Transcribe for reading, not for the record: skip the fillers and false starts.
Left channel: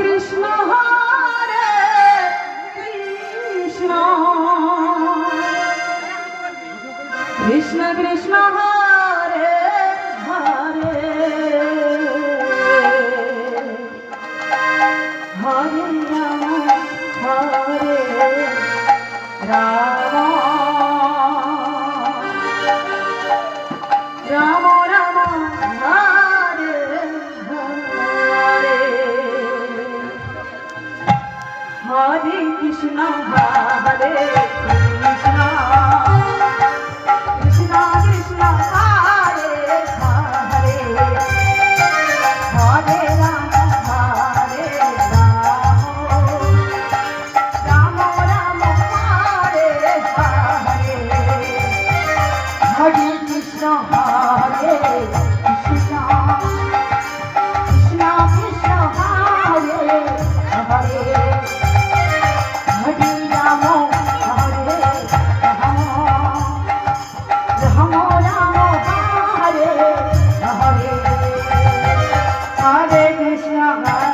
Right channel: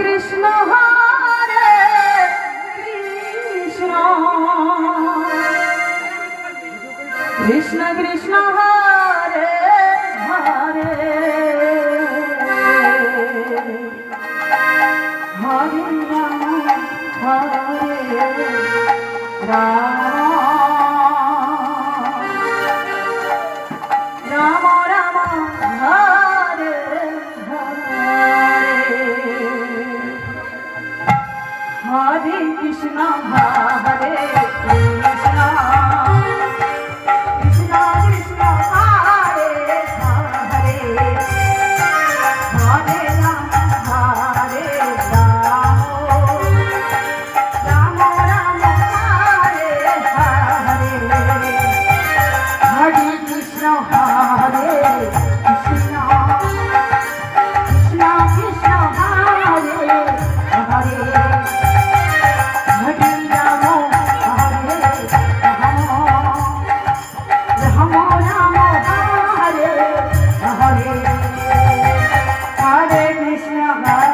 Krishna Hare Krishna Krishna Krishna Hare Hare Hare Ram Ram Hare Hare Hare Krishna Hare Krishna Krishna Krishna Hare Hare Hare Ram Ram Ram Hare Hare Hare Krishna Hare Krishna Krishna Krishna Hare Hare Hare Ram Ram Ram Hare Hare Hare Krishna Hare